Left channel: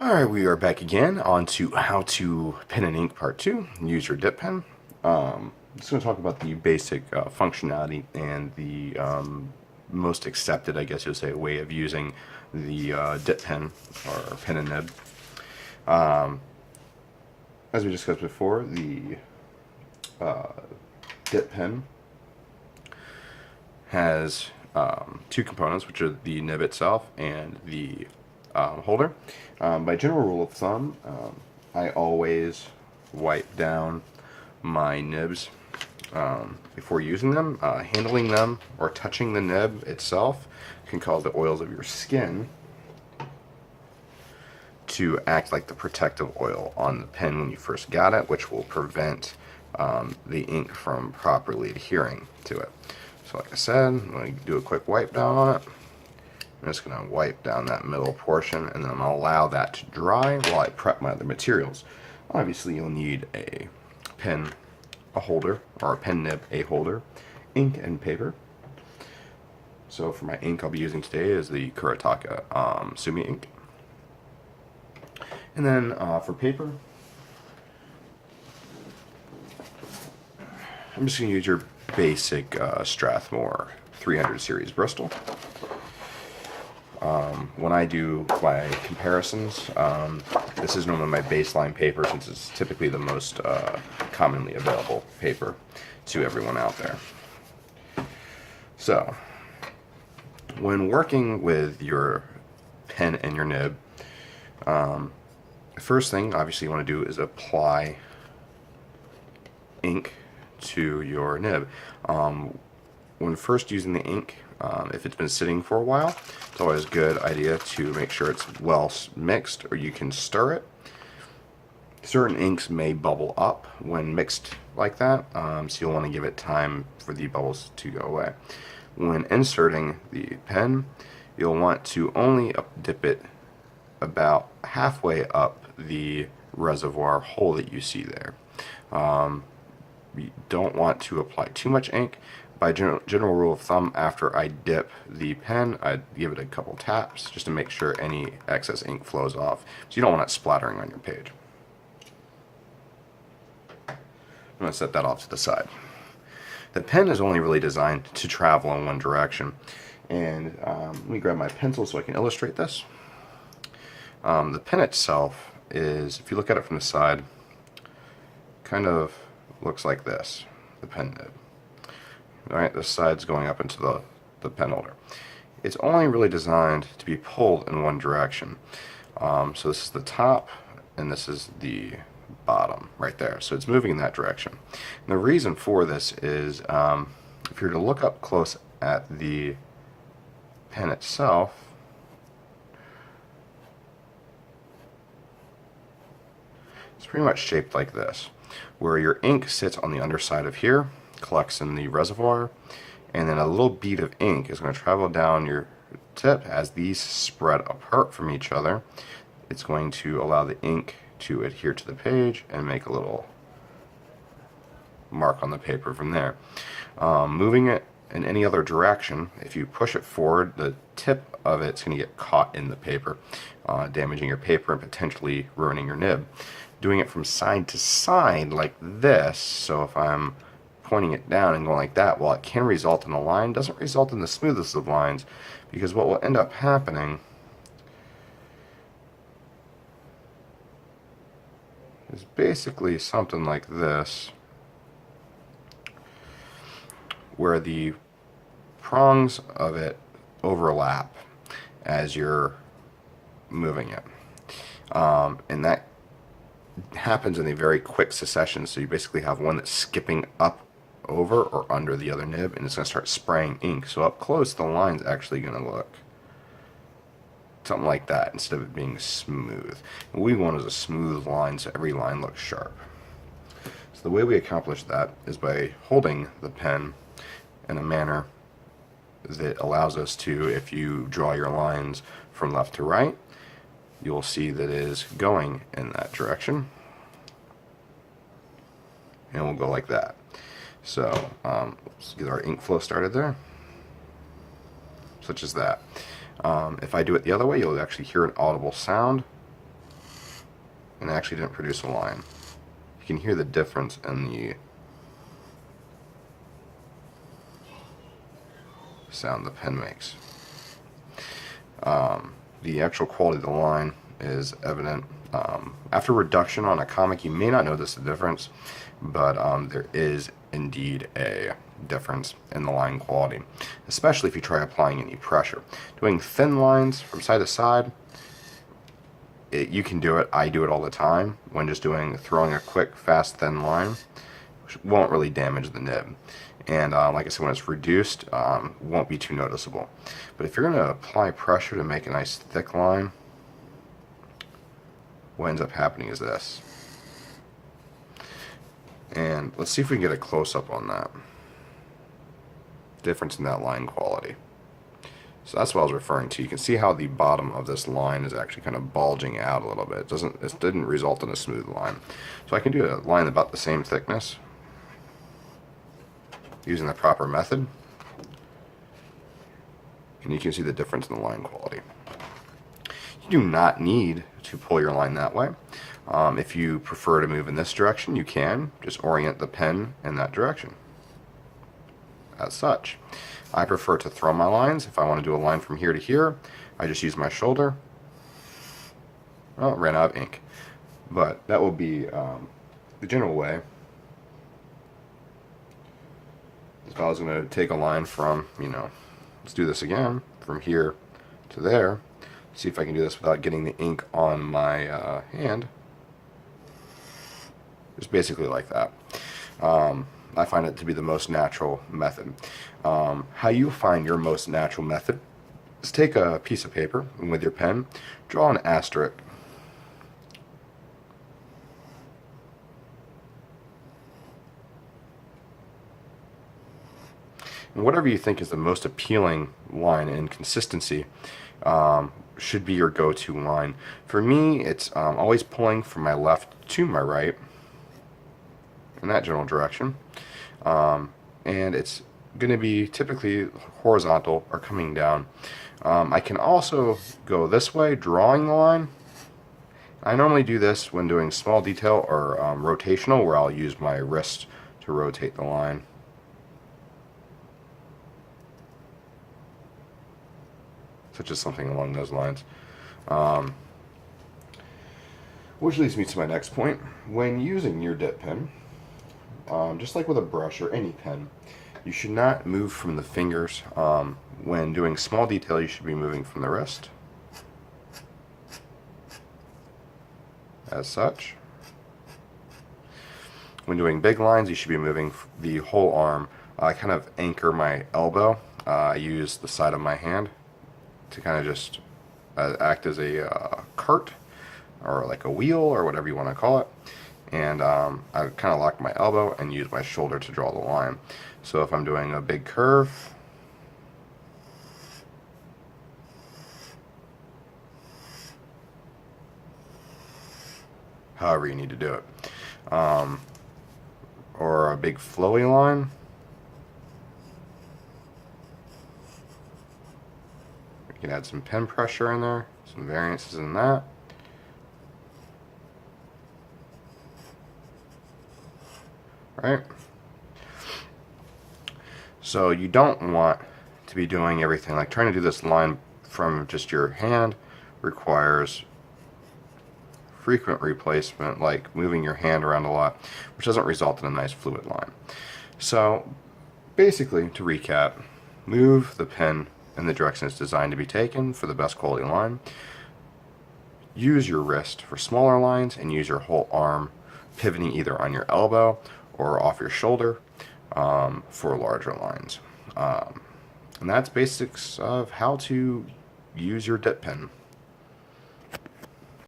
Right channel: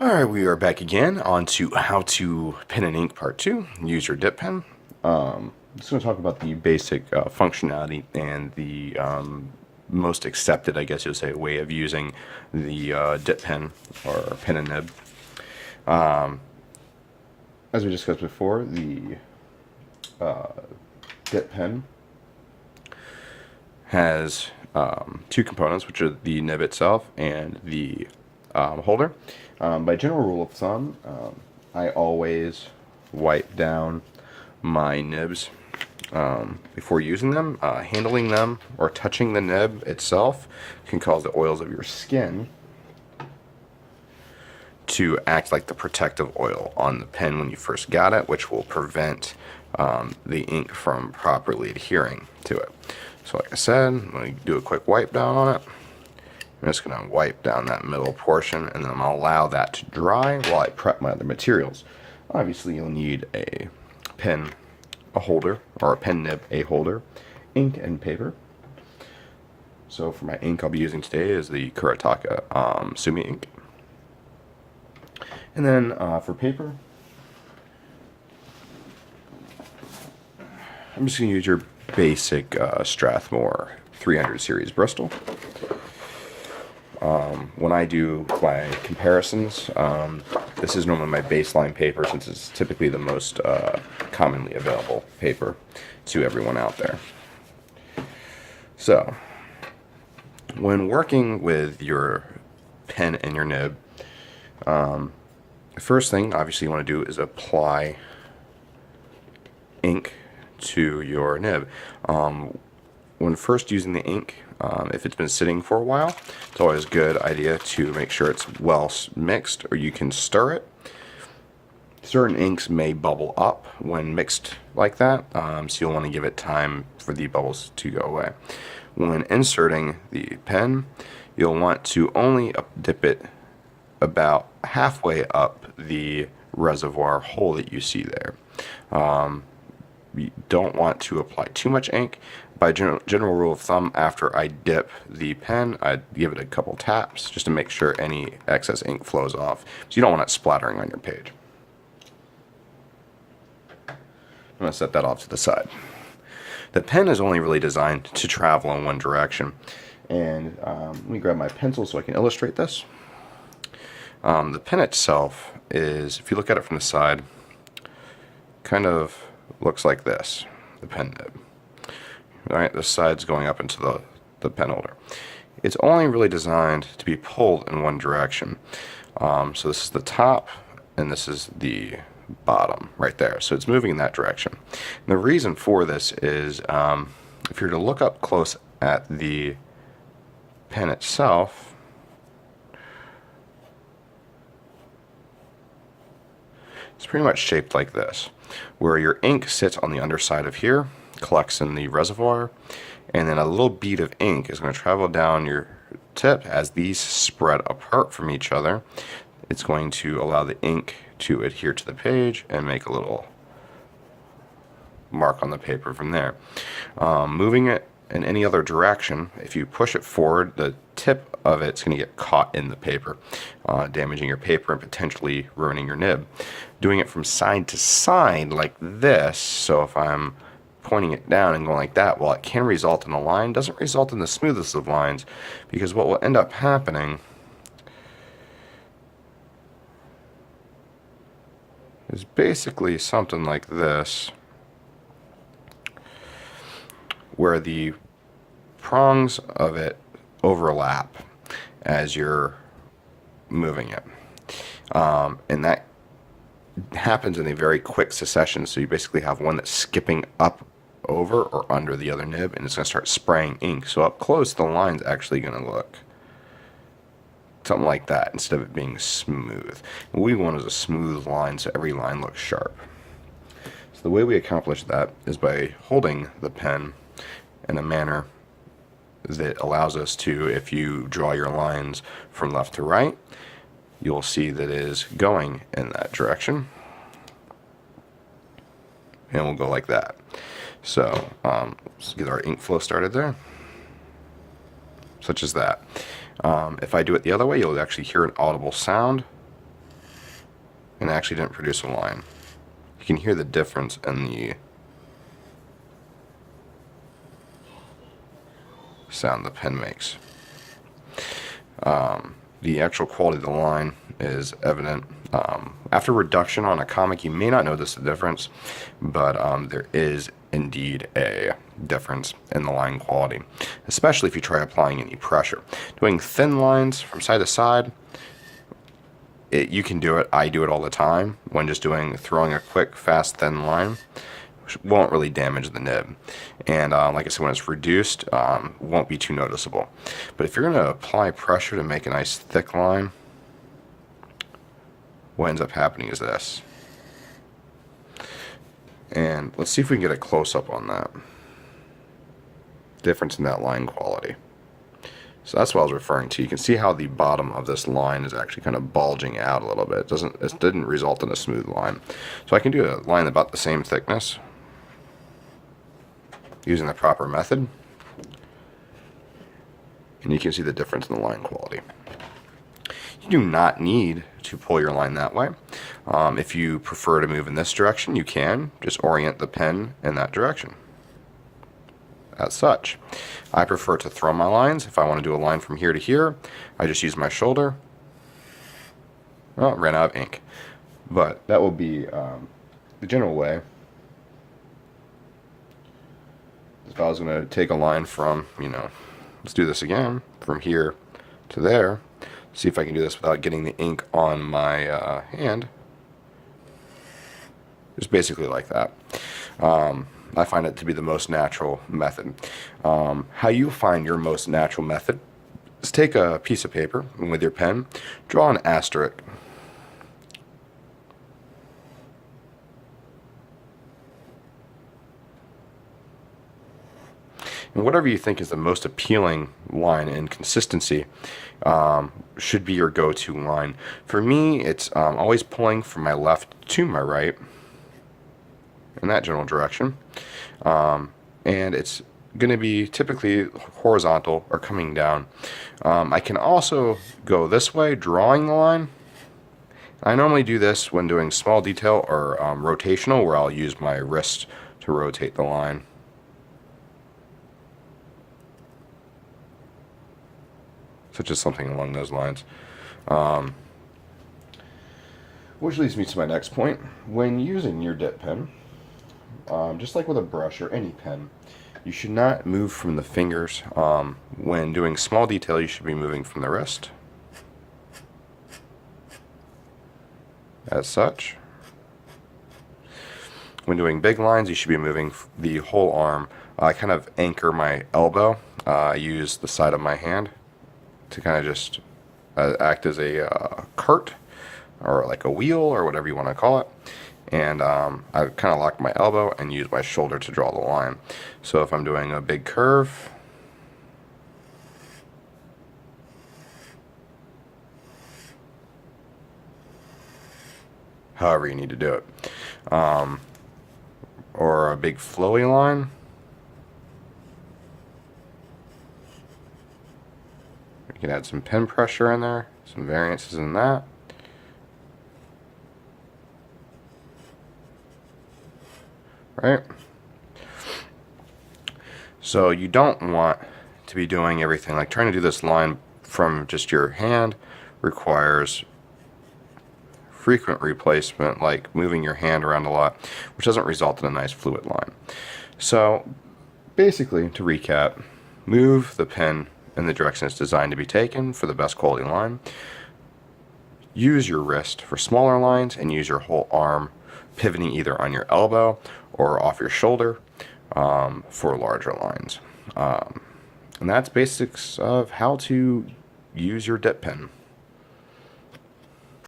Alright, we are back again on to how to pen and ink part 2. Use your dip pen. I'm just going to talk about the basic functionality and the most accepted, I guess you'll say, way of using the dip pen or pen and nib. As we discussed before, the dip pen has two components, which are the nib itself and the holder. By general rule of thumb, I always wipe down my nibs before using them. Handling them or touching the nib itself can cause the oils of your skin to act like the protective oil on the pen when you first got it, which will prevent the ink from properly adhering to it. So like I said, I'm going to do a quick wipe down on it. I'm just going to wipe down that middle portion, and then I'm going to allow that to dry while I prep my other materials. Obviously, you'll need a pen, a holder, or a pen nib, a holder, ink, and paper. So for my ink I'll be using today is the Kuretake Sumi ink. And then for paper, I'm just going to use your basic Strathmore 300 series Bristol. When I do my comparisons, this is normally my baseline paper since it's typically the most commonly available paper to everyone out there. So, when working with your pen and your nib, the first thing obviously you want to do is apply ink to your nib. When first using the ink, if it's been sitting for a while, it's always a good idea to make sure it's well mixed, or you can stir it. Certain inks may bubble up when mixed like that, so you'll want to give it time for the bubbles to go away. When inserting the pen, you'll want to only dip it about halfway up the reservoir hole that you see there. You don't want to apply too much ink. By general rule of thumb, after I dip the pen, I give it a couple taps just to make sure any excess ink flows off. So you don't want it splattering on your page. I'm going to set that off to the side. The pen is only really designed to travel in one direction. And let me grab my pencil so I can illustrate this. The pen itself is, if you look at it from the side, kind of looks like this, the pen nib. Alright, this side's going up into the pen holder. It's only really designed to be pulled in one direction. So this is the top, and this is the bottom right there. So it's moving in that direction. And the reason for this is, if you're to look up close at the pen itself, it's pretty much shaped like this, where your ink sits on the underside of here, collects in the reservoir, and then a little bead of ink is going to travel down your tip. As these spread apart from each other, it's going to allow the ink to adhere to the page and make a little mark on the paper from there. Moving it in any other direction, if you push it forward, the tip of it's going to get caught in the paper, damaging your paper and potentially ruining your nib. Doing it from side to side like this, so if I'm pointing it down and going like that, while it can result in a line, doesn't result in the smoothest of lines, because what will end up happening is basically something like this, where the prongs of it overlap as you're moving it, and that happens in a very quick succession. So you basically have one that's skipping up over or under the other nib, and it's going to start spraying ink. So up close, the line's actually going to look something like that instead of it being smooth. What we want is a smooth line, so every line looks sharp. So the way we accomplish that is by holding the pen in a manner that allows us to, if you draw your lines from left to right, you'll see that it is going in that direction, and we'll go like that. So let's get our ink flow started there, such as that. If I do it the other way, you'll actually hear an audible sound and actually didn't produce a line. You can hear the difference in the sound the pen makes. The actual quality of the line is evident. After reduction on a comic, you may not notice the difference, but there is indeed a difference in the line quality, especially if you try applying any pressure. Doing thin lines from side to side, you can do it. I do it all the time when just throwing a quick, fast, thin line. Won't really damage the nib, and like I said, when it's reduced, won't be too noticeable. But if you're going to apply pressure to make a nice thick line, what ends up happening is this. And let's see if we can get a close-up on that difference in that line quality. So that's what I was referring to. You can see how the bottom of this line is actually kind of bulging out a little bit. It didn't result in a smooth line. So I can do a line about the same thickness using the proper method, and you can see the difference in the line quality. You do not need to pull your line that way. If you prefer to move in this direction, you can just orient the pen in that direction. As such, I prefer to throw my lines. If I want to do a line from here to here, I just use my shoulder. Oh, ran out of ink, but that will be the general way. If I was going to take a line from, let's do this again, from here to there, see if I can do this without getting the ink on my hand. Just basically like that. I find it to be the most natural method. How you find your most natural method is take a piece of paper and with your pen, draw an asterisk. And whatever you think is the most appealing line in consistency should be your go-to line. For me, it's always pulling from my left to my right in that general direction. And it's going to be typically horizontal or coming down. I can also go this way, drawing the line. I normally do this when doing small detail or rotational, where I'll use my wrist to rotate the line. Such as something along those lines. Which leads me to my next point. When using your dip pen, just like with a brush or any pen, you should not move from the fingers. When doing small detail, you should be moving from the wrist, as such. When doing big lines, you should be moving the whole arm. I kind of anchor my elbow. I use the side of my hand to kind of just act as a cart or like a wheel or whatever you want to call it. And I kind of lock my elbow and use my shoulder to draw the line. So if I'm doing a big curve, however you need to do it, or a big flowy line, you can add some pen pressure in there, some variances in that. Right? So you don't want to be doing everything, like trying to do this line from just your hand requires frequent replacement, like moving your hand around a lot, which doesn't result in a nice fluid line. So basically, to recap, move the pen in the direction it's designed to be taken for the best quality line. Use your wrist for smaller lines and use your whole arm, pivoting either on your elbow or off your shoulder for larger lines. And that's basics of how to use your dip pen.